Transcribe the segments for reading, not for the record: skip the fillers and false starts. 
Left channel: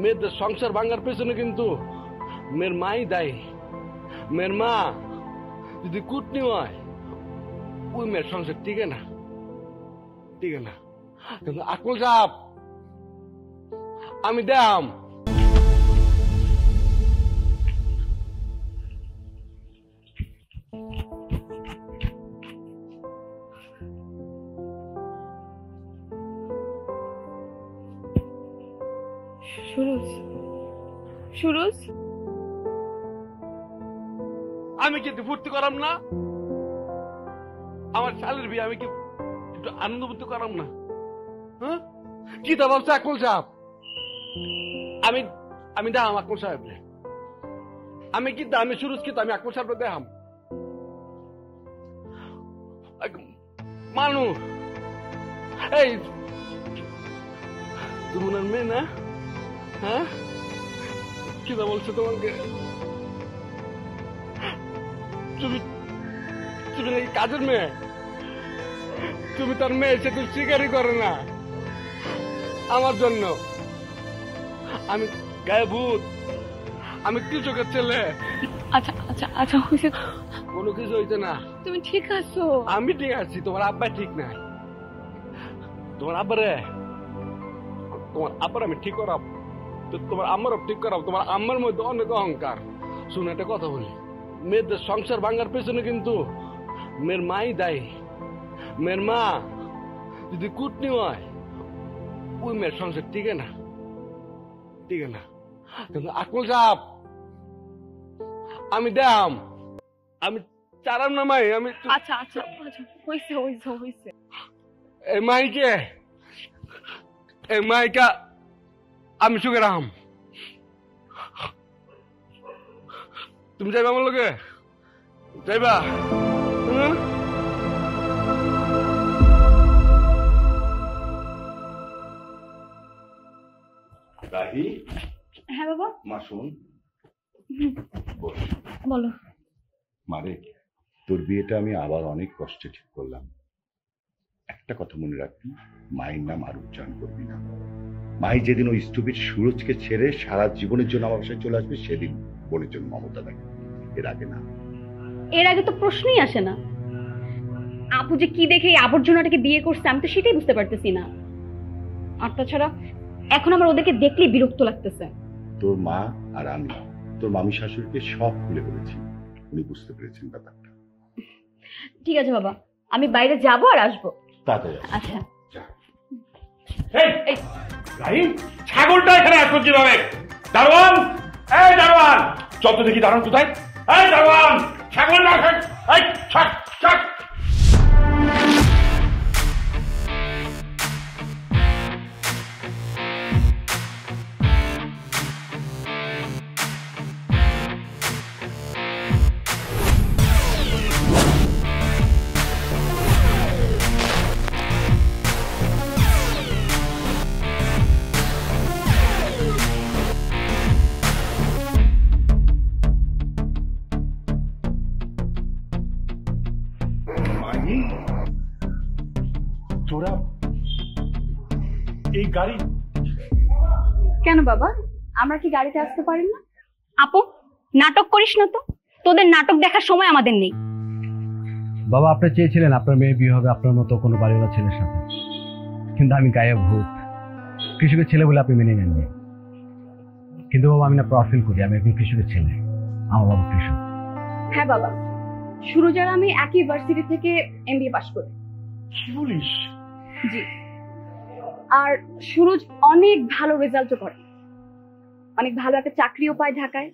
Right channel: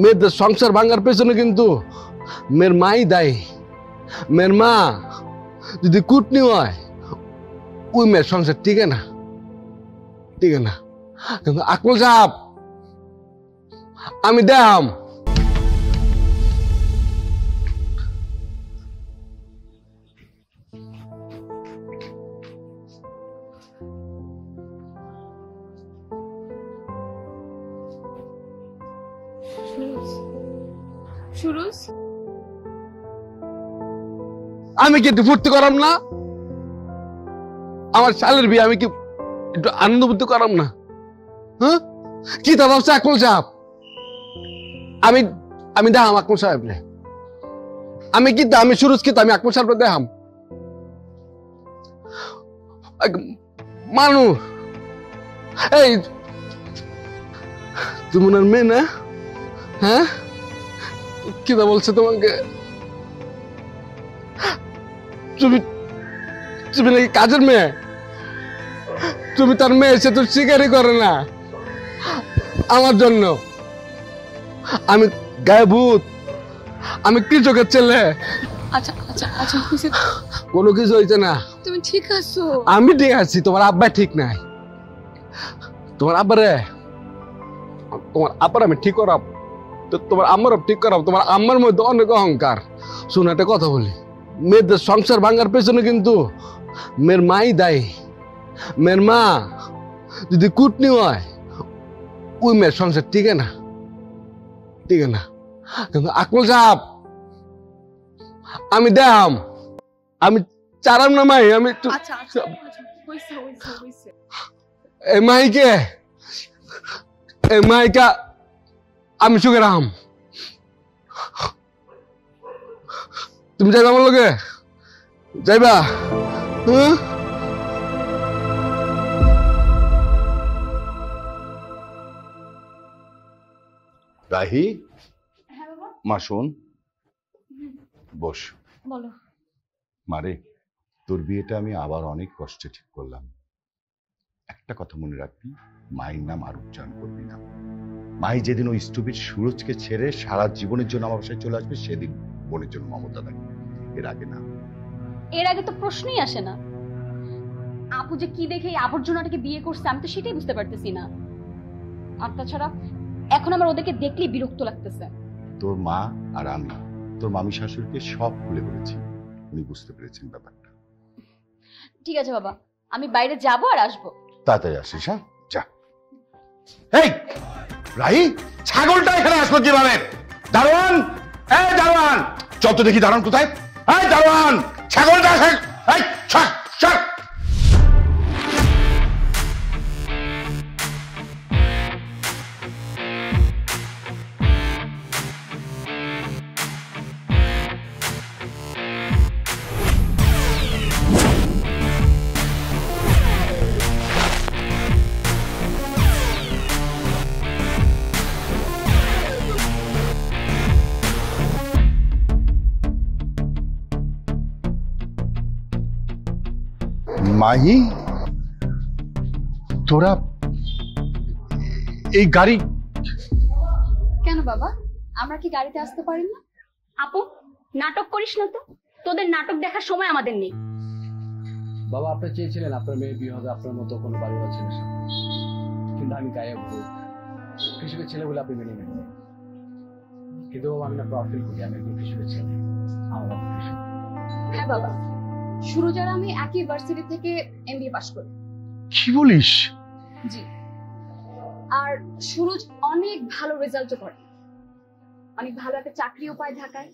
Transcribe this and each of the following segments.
মেয়েদের সংসার ভাঙার পেছনে কিন্তু মেয়ের মাই দায়ী। মেয়ের মা যদি কুটনি হয় ওই মেয়ের সংসার টিকে না, টিকে না। কিন্তু আকমল সাহেব আমি দেখাম। আমি কি একটু ফুর্তি করাম না? আমার শালের বিয়ে আমি কি একটু আনন্দ বুদ্ধি করাম না? হ্যাঁ কি তা ভাবছে আকমল সাহেব? আমি আমি দেখাম আকমল সাহেব। আমি কি আমি সুরজ কি আমি আকমল সাহেব দেখাম। মানুষ এই তুমি ওনার মেয়ে না? হ্যাঁ কি তা বলছে তোমাকে? তুমি তুমি নাকি কাজের মেয়ে? তুমি তার মেয়ে, সে তো স্বীকারই করে না আমার জন্য। আমি গায়ে ভূত, আমি কৃষকের ছেলে। আচ্ছা আচ্ছা আচ্ছা হইছে, কোনো কিছু হয়েছে না। তুমি ঠিক আছো? আমি ঠিক আছি, তোমার আব্বা ঠিক নাই। তোমার আব্বারে আমি ঠিক করাব, তোমার আম্মারও ঠিক করাব। তোমার আম্মার মধ্যে অনেক অহংকার। শোনো একটা কথা বলি, মেয়েদের সংসার ভাঙার পেছনে কিন্তু মেয়ের মাই দায়ী। মেয়ের মা যদি কুটনি হয় ওই মেয়ের সংসার টিকে না, টিকে না। কিন্তু আকমল সাহেব আমি দেখাম। আমি চারাম না মাই, আমি আচ্ছা আচ্ছা হইছে হইছে হইছে। এই মাইকে আমি সুখে রাম। তুমি যাইবা আমার লগে? যাইবা? রাহি, হ্যাঁ বাবা। মা শোন, বস। বলো। মারে, তোর বিয়েটা আমি আবার অনেক কষ্টে ঠিক করলাম। একটা কথা মনে রাখবি, মায়ের নাম আর উচ্চারণ করবি না। মাই যেদিন ওই স্টুপিড সুরজকে ছেড়ে সারা জীবনের জন্য আমার বাসায় চলে আসবে, সেদিন বোনের জন্য মমতা দেখবে, এর আগে না। এর আগে তো প্রশ্নই আসে না। আপু যে কি দেখে এই আবর্জনাটাকে বিয়ে করছে আমি তো সেটাই বুঝতে পারতেছি না। আর তাছাড়া এখন আমার ওদেরকে দেখলেই বিরক্ত লাগতেছে। তোর মা আর আমি তোর মামি শাশুড়িকে সব খুলে বলেছি, উনি বুঝতে পেরেছেন ব্যাপারটা। ঠিক আছে বাবা, আমি বাইরে যাবো আর আসবো। তাড়াতাড়ি আসিস। আচ্ছা। যা। এই রাই, ছাগলটা এখানে আসলো কিভাবে? দারোয়ান, এই দারোয়ান, চল তো দেখি দারোয়ান কোথায়? এই দারোয়ান, ছাগলটা এই ছাক ছাক। মাই, তোরা এই গাড়ি? কেন বাবা, আমরা কি গাড়িতে আসতে পারি না? আপু নাটক করিস না তো, তোদের নাটক দেখার সময় আমাদের নেই। বাবা আপনি চেয়েছিলেন আপনার মেয়ে বিয়ে হবে আপনার মতো কোনো বাড়িওয়ালা ছেলের সাথে, কিন্তু আমি গায়ে ভূত, কৃষকের ছেলে বলে আপনি মেনে নেননি। কিন্তু বাবা আমি না প্রাউড ফিল করি, আমি একজন কৃষকের ছেলে, আমার বাবা কৃষক। হ্যাঁ বাবা, সুরজ আর আমি একই ইউনিভার্সিটি থেকে এমবিএ পাশ করি। কি বলিস? জি। আর সুরজ অনেক ভালো রেজাল্টও করে, অনেক ভালো একটা চাকরিও পায় ঢাকায়,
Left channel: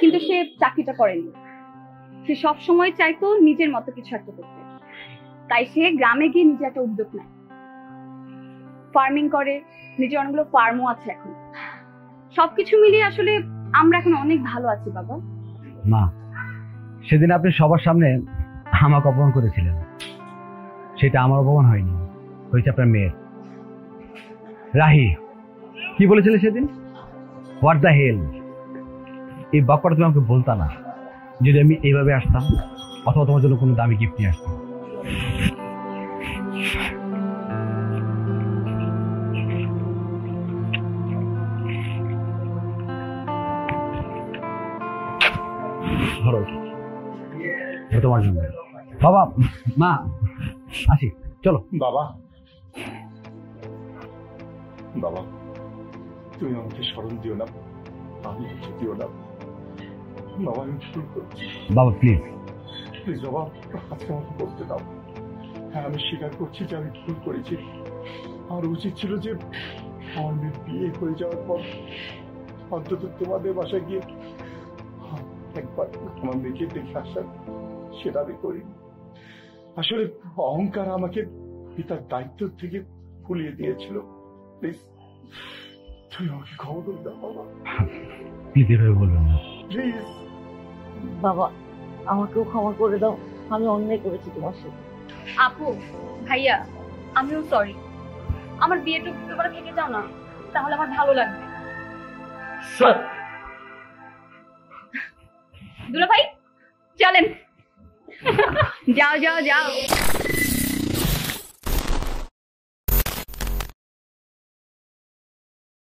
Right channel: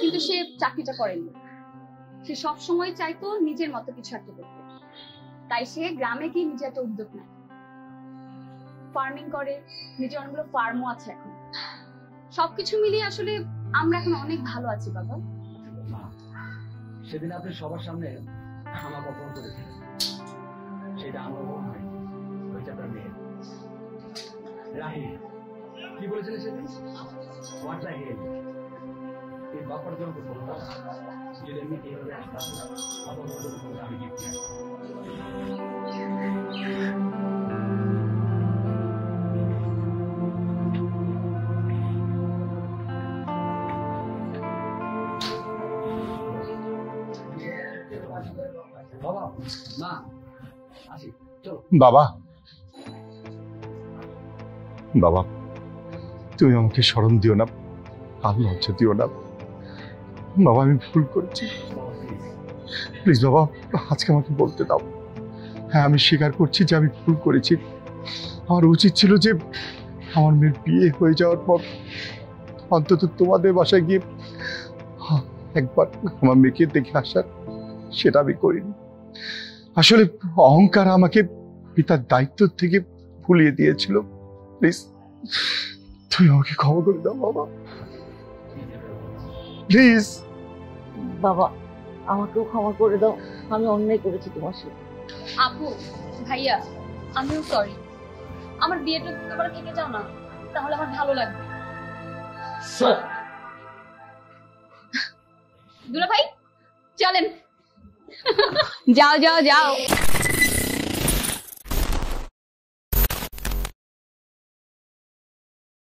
কিন্তু সে চাকরিটা করেনি। সে সব সময় চাইতো নিজের মতো কিছু একটা করতে, তাই সে গ্রামে গিয়ে নিজে একটা উদ্যোগ নেয়, ফার্মিং করে, নিজের অনেকগুলো ফার্মও আছে এখন। সবকিছু মিলিয়ে আসলে আমরা এখন অনেক ভালো আছি বাবা। মা, সেদিন আপনি সবার সামনে আমাকে অপমান করেছিলেন, সেটা আমার অপমান হয়নি, হয়েছে আপনার মেয়ের। রাহি কি বলেছিলে সেদিন? What the hell? এই বাক্যটা তুমি আমাকে বলতা না যদি আমি এইভাবে আসতাম, অথবা তোমার জন্য কোনো দামি গিফট নিয়ে আসতাম। চলো এটা তোমার জন্য। বাবা মা আসি, চলো। বাবা, বাবা তুমি আমাকে স্মরণ দিও না, আর লজ্জা দিও না বাবা, আমি ভুল করেছি। বাবা প্লিজ। প্লিজ বাবা, আজকে আমাকে বলতে দাও। হ্যাঁ, আমি স্বীকার করছি যে আমি ভুল করেছি। আমার উচিত ছিল যে আমার মেয়ের বিয়ে হয়ে যাওয়ার পর অন্তত তোমাদের বাসায় গিয়ে একবার আমার মেয়েকে দেখে আসার, সেটা আমি করিনি। আসলে অহংকার আমাকে পিতার দায়িত্ব থেকে ভুলিয়ে দিয়েছিল। প্লিজ তুমি আমাকে ক্ষমা করে দাও বাবা, প্লিজ এভাবে বলবেন না। প্লিজ। বাবা আমাকেও ক্ষমা করে দাও, আমি অন্যায় করেছি তোমার সাথে। আপু, ভাইয়া, আমিও সরি। আমার বিয়েটা তোমরা ভেঙে যাও না, তাহলে আমার ভালো লাগবে। দুলা ভাই চলেন। যাও যাও যাও।